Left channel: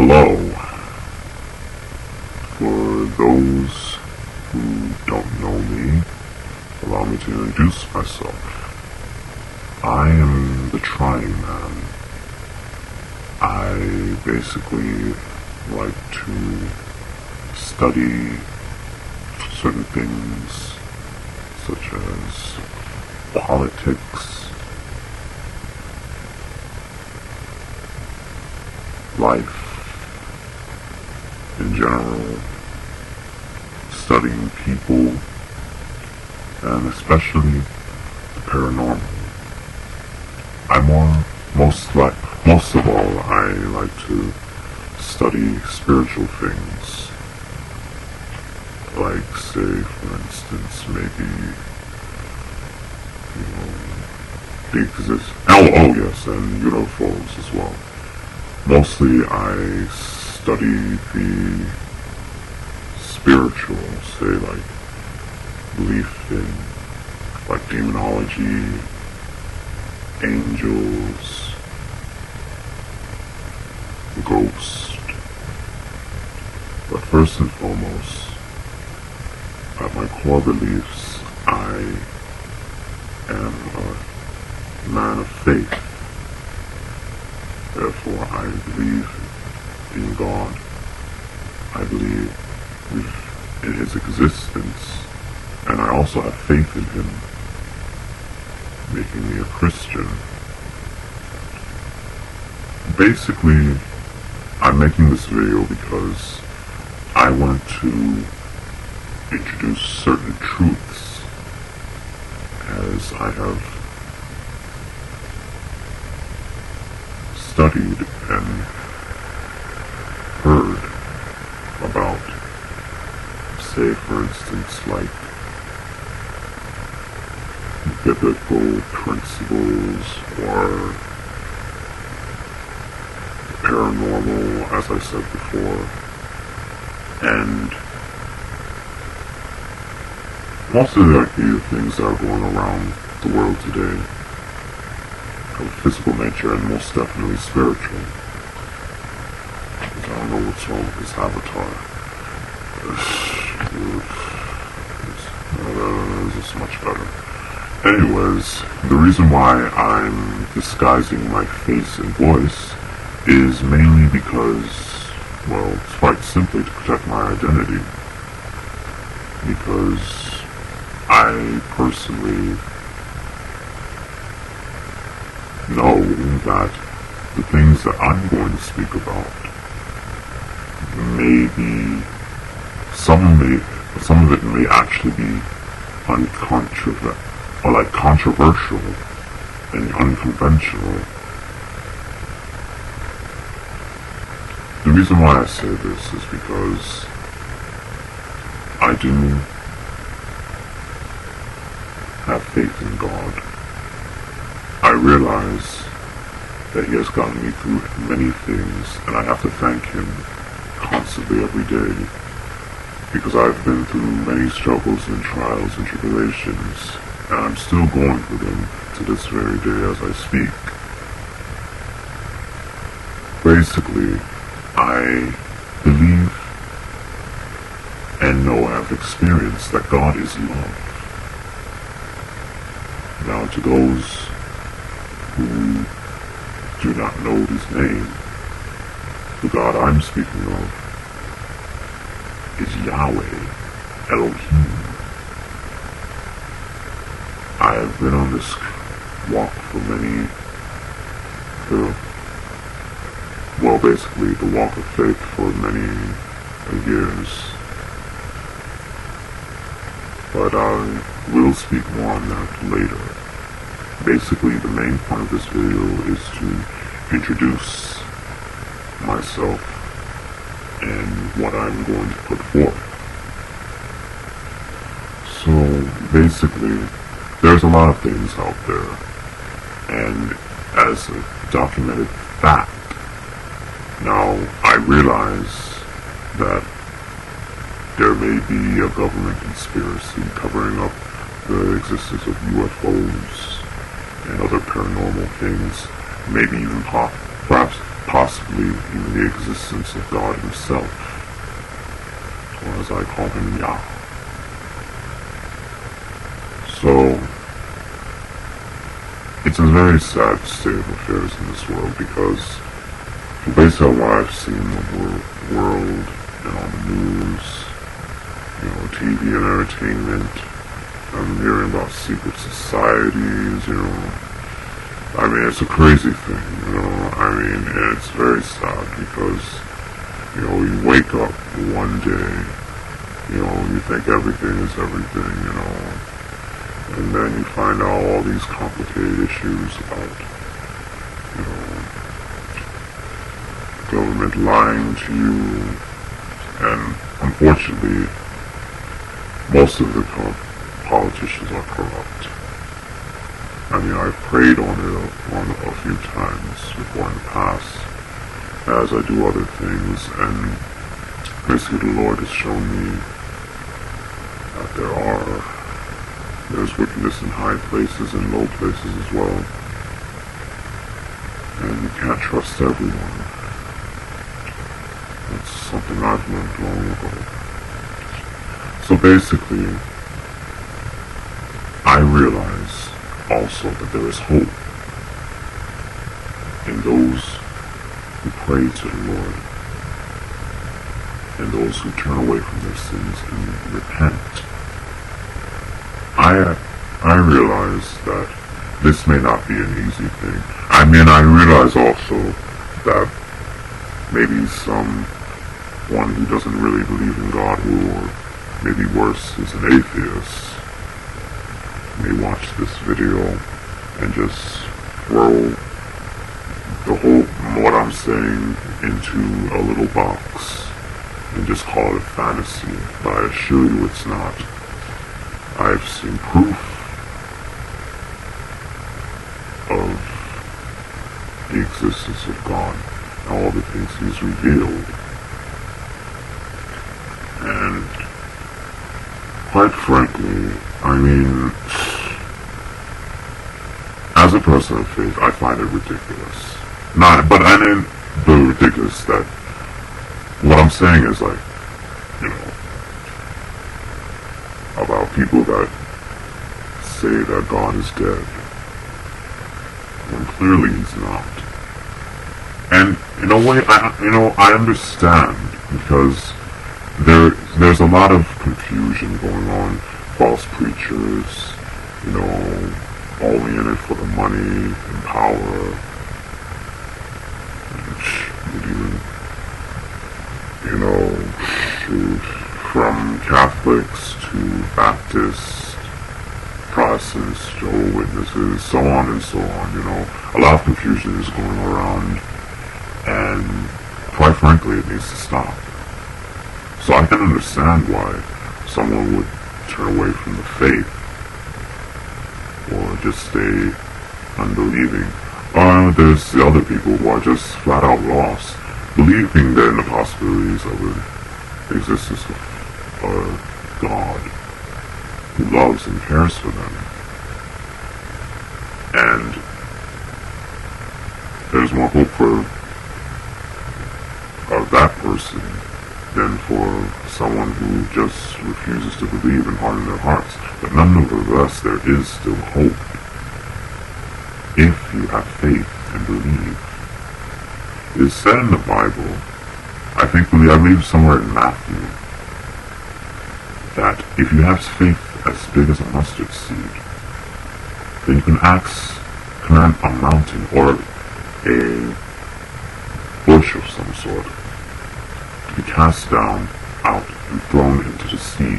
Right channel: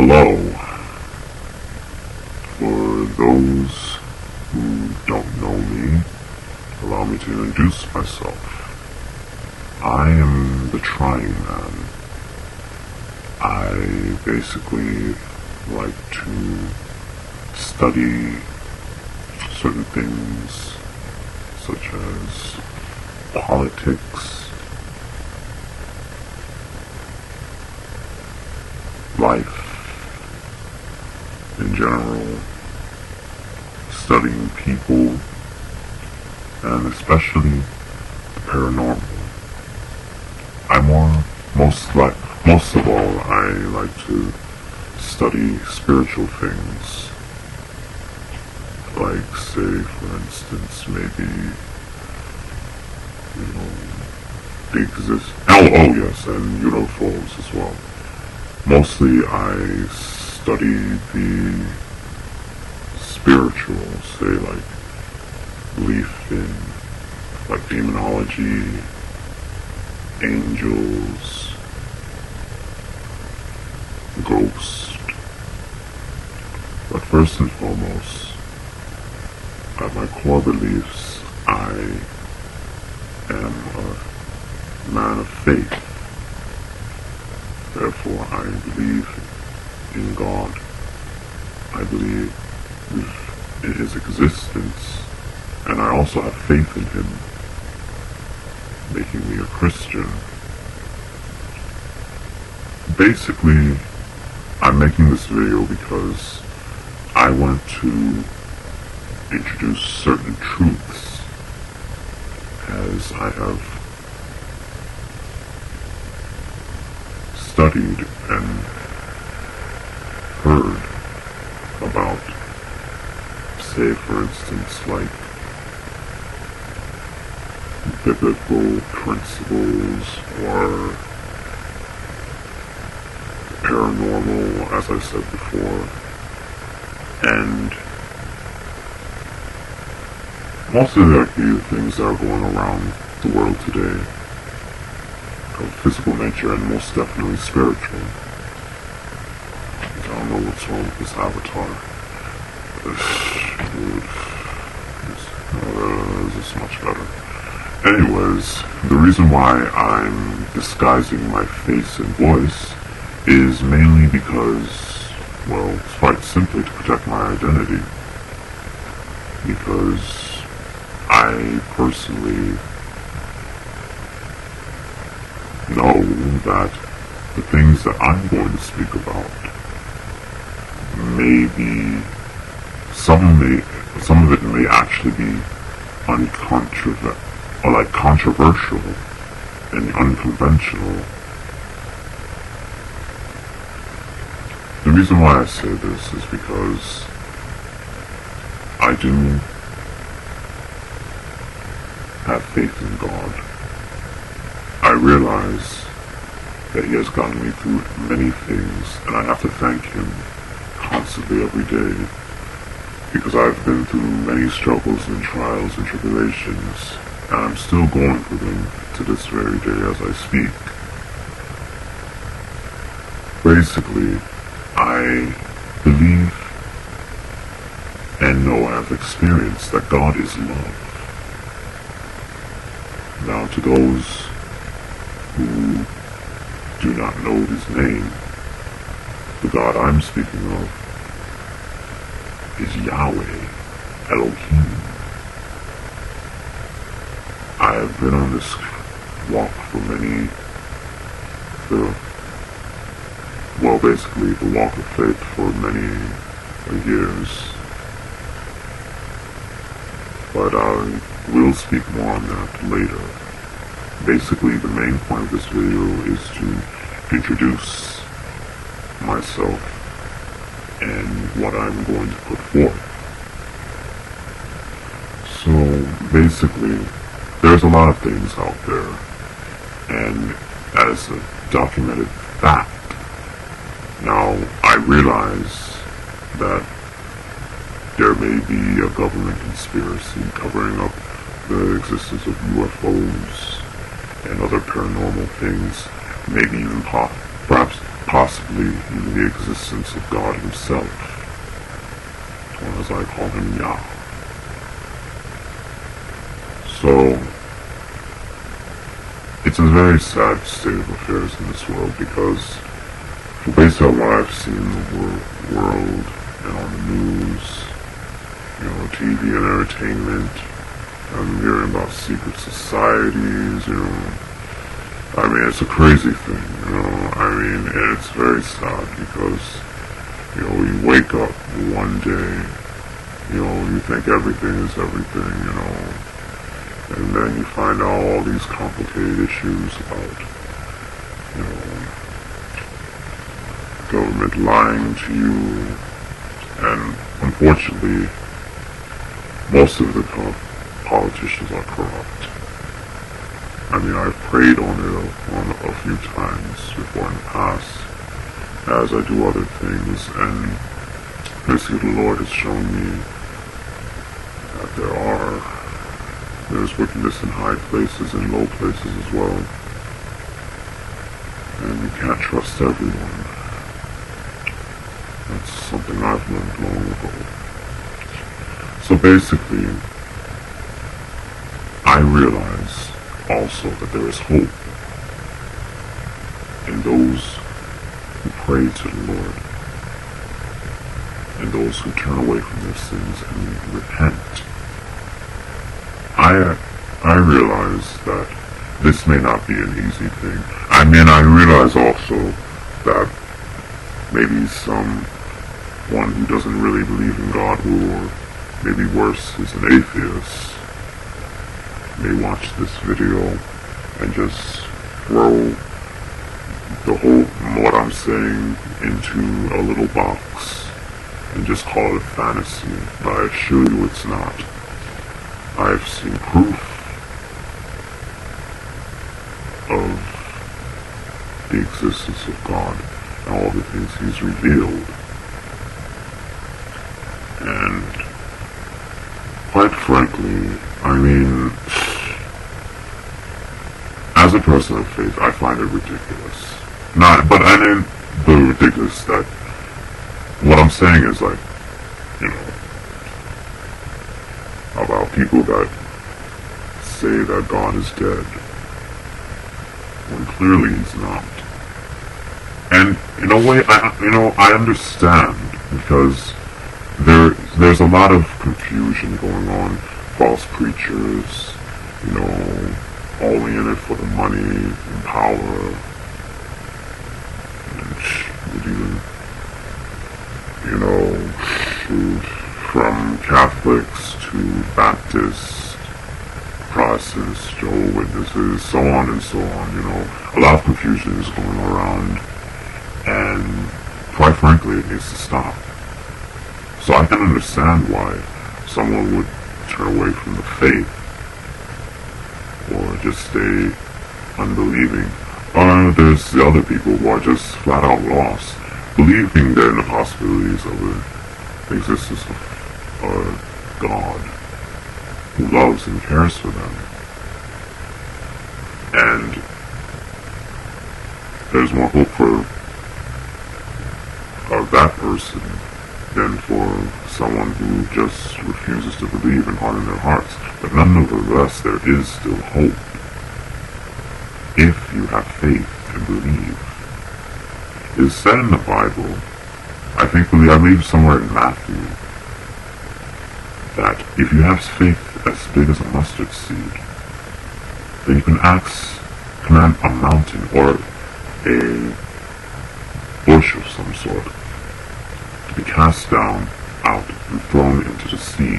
Hello. For those who don't know me, allow me to introduce myself. I am the Trying Man. I basically like to study certain things such as politics, life in general, studying people, and especially paranormal. Most of all, I like to study spiritual things. Like, say, for instance, maybe, yes, and U.F.Os as well. Mostly I study the spiritual, say, like, belief in, like, demonology, angels, ghosts. But first and foremost, at my core beliefs, I am a man of faith. Therefore, I believe in God. I believe in His existence, and I also have faith in Him, making me a Christian. Basically, I'm making this video because I want to introduce certain truths, as I have studied and heard about, say, for instance, like biblical principles or paranormal, as I said before, and most of the things that are going around the world today of physical nature and most definitely spiritual. I don't know what's wrong with this avatar. This is much better. Anyways, the reason why I'm disguising my face and voice is mainly because, well, it's quite simply to protect my identity. Because I personally know that the things that I'm going to speak about some of it may actually be controversial and unconventional. The reason why I say this is because I do have faith in God. I realize that He has gotten me through many things, and I have to thank Him constantly every day, because I've been through many struggles and trials and tribulations, and I'm still going through them to this very day as I speak. Basically, I believe and know I've experienced that God is love. Now, to those who do not know His name, the God I'm speaking of is Yahweh, Elohim. I have been on this walk for basically the walk of faith for many years. But I will speak more on that later. Basically, the main point of this video is to introduce myself and what I'm going to put forth. So, basically, there's a lot of things out there, and as a documented fact, now I realize that there may be a government conspiracy covering up the existence of UFOs and other paranormal things, maybe even perhaps possibly even the existence of God himself, or as I call him, Yah. So, it's a very sad state of affairs in this world, because based on what I've seen in the world, on the news, TV and entertainment, I'm hearing about secret societies, I mean, it's a crazy thing, I mean, it's very sad because, you wake up one day, you think everything is everything, and then you find out all these complicated issues about, government lying to you, and unfortunately, most of the politicians are corrupt. I mean, I've prayed on it a few times before in the past, as I do other things, and basically the Lord has shown me that there's wickedness in high places and low places as well, and you can't trust everyone. That's something I've learned long ago. So basically, I realize also that there is hope in those who pray to the Lord, and those who turn away from their sins and repent. I realize that this may not be an easy thing. I mean, I realize also that maybe someone who doesn't really believe in God, or maybe worse, is an atheist, may watch this video and just throw what I'm saying into a little box and just call it a fantasy, but I assure you it's not. I've seen proof of the existence of God and all the things he's revealed. And quite frankly, I mean, as a person of faith, I find it ridiculous. But I mean, the ridiculous that what I'm saying is like, about people that say that God is dead, when clearly he's not. And in a way, I understand, because there's a lot of confusion going on. False preachers, only in it for the money and power, from Catholics to Baptists, Protestants, Jehovah's Witnesses, so on and so on, a lot of confusion is going around, and quite frankly, it needs to stop. So I can understand why someone would turn away from the faith, or just stay unbelieving. There's the other people who are just flat out lost, believing that in the possibilities of the existence of a God who loves and cares for them. And there's more hope for that person than for someone who just refuses to believe and harden their hearts. But nonetheless, there is still hope if you have faith and believe. It's said in the Bible, I believe somewhere in Matthew, that if you have faith as big as a mustard seed, then you can command a mountain or a bush of some sort to be cast down, out, and thrown into the sea,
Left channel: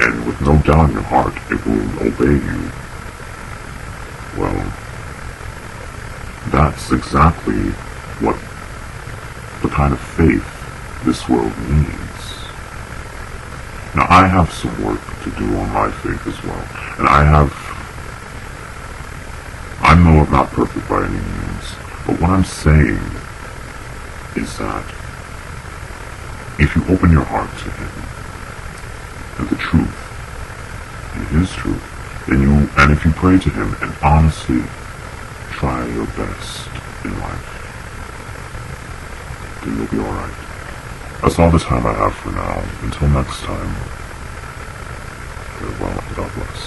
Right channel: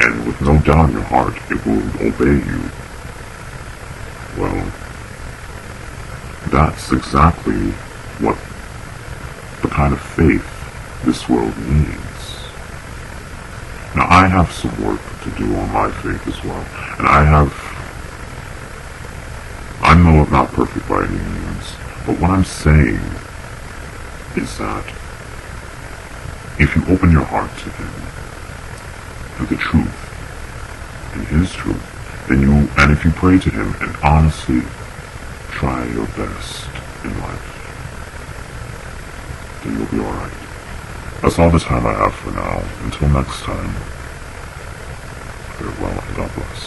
and with no doubt in your heart, it will obey you. Well, that's exactly what the kind of faith this world needs. Now, I have some work to do on my faith as well, and I know I'm not perfect by any means, but what I'm saying is that if you open your heart to him, and the truth, and his truth, and if you pray to him and honestly try your best in life, everything will be alright. That's all the time I have for now. Until next time, everyone, God bless.